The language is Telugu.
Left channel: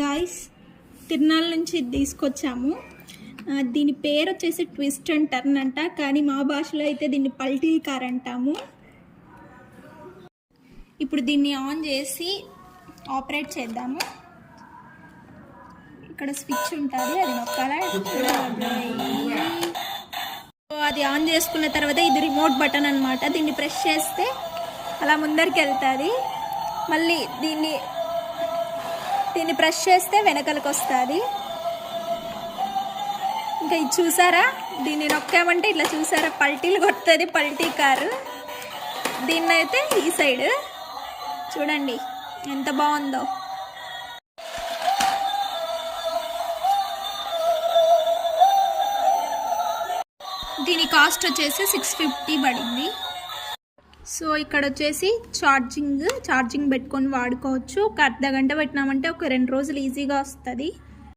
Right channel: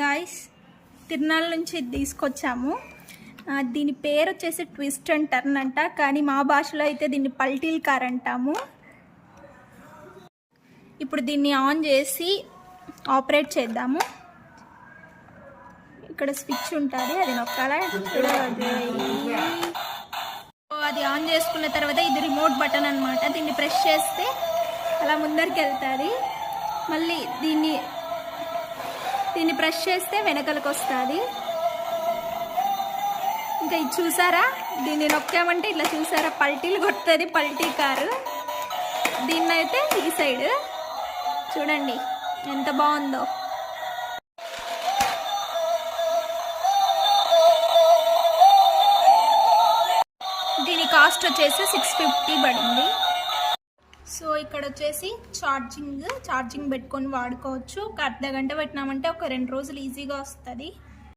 గాయ్స్, తిరునాళ్ళ నుంచి తీసుకొచ్చాము. దీని పేరు వచ్చేసి ట్విస్ట్ అండ్ టర్న్ అంట, కానీ మా భాషలో అయితే దీన్ని పల్టీల్ కార్ అంటాము. ఇప్పుడు దీన్ని ఆన్ చేసి ఆపరేట్ చేద్దాము. ఇక్కడ స్విచ్ ఉంటుంది, అది నొక్కాలా. అది ఆన్ చేసుకున్న తర్వాత ఇది రిమోట్ బటన్ అనమాట. దీన్ని ప్రెస్ చేస్తే అలా ముందరికి వెళ్తుంది. మళ్ళీ దీన్ని ప్రెస్ చేస్తే వెనకలకు వస్తుంది. ఇంకా ఇది చూసారా, దీన్ని నొక్కామంటే ఇట్లా చూసారా పల్టీలు కొడుతుంది, పల్టీ కారు. దీన్నైతే ఈ సైడ్ చూడండి ఎంత బాగుందో. దీని కాస్ట్ వచ్చేసి 650 పడింది. సో ఇక్కడ వచ్చేసి ఛార్జింగ్ పెట్టుకొని వాడుకోవచ్చు. ఒక అర్ధ గంట పెట్టినామంటే ఒక 2 రోజులు ఈజీగా వస్తుంది.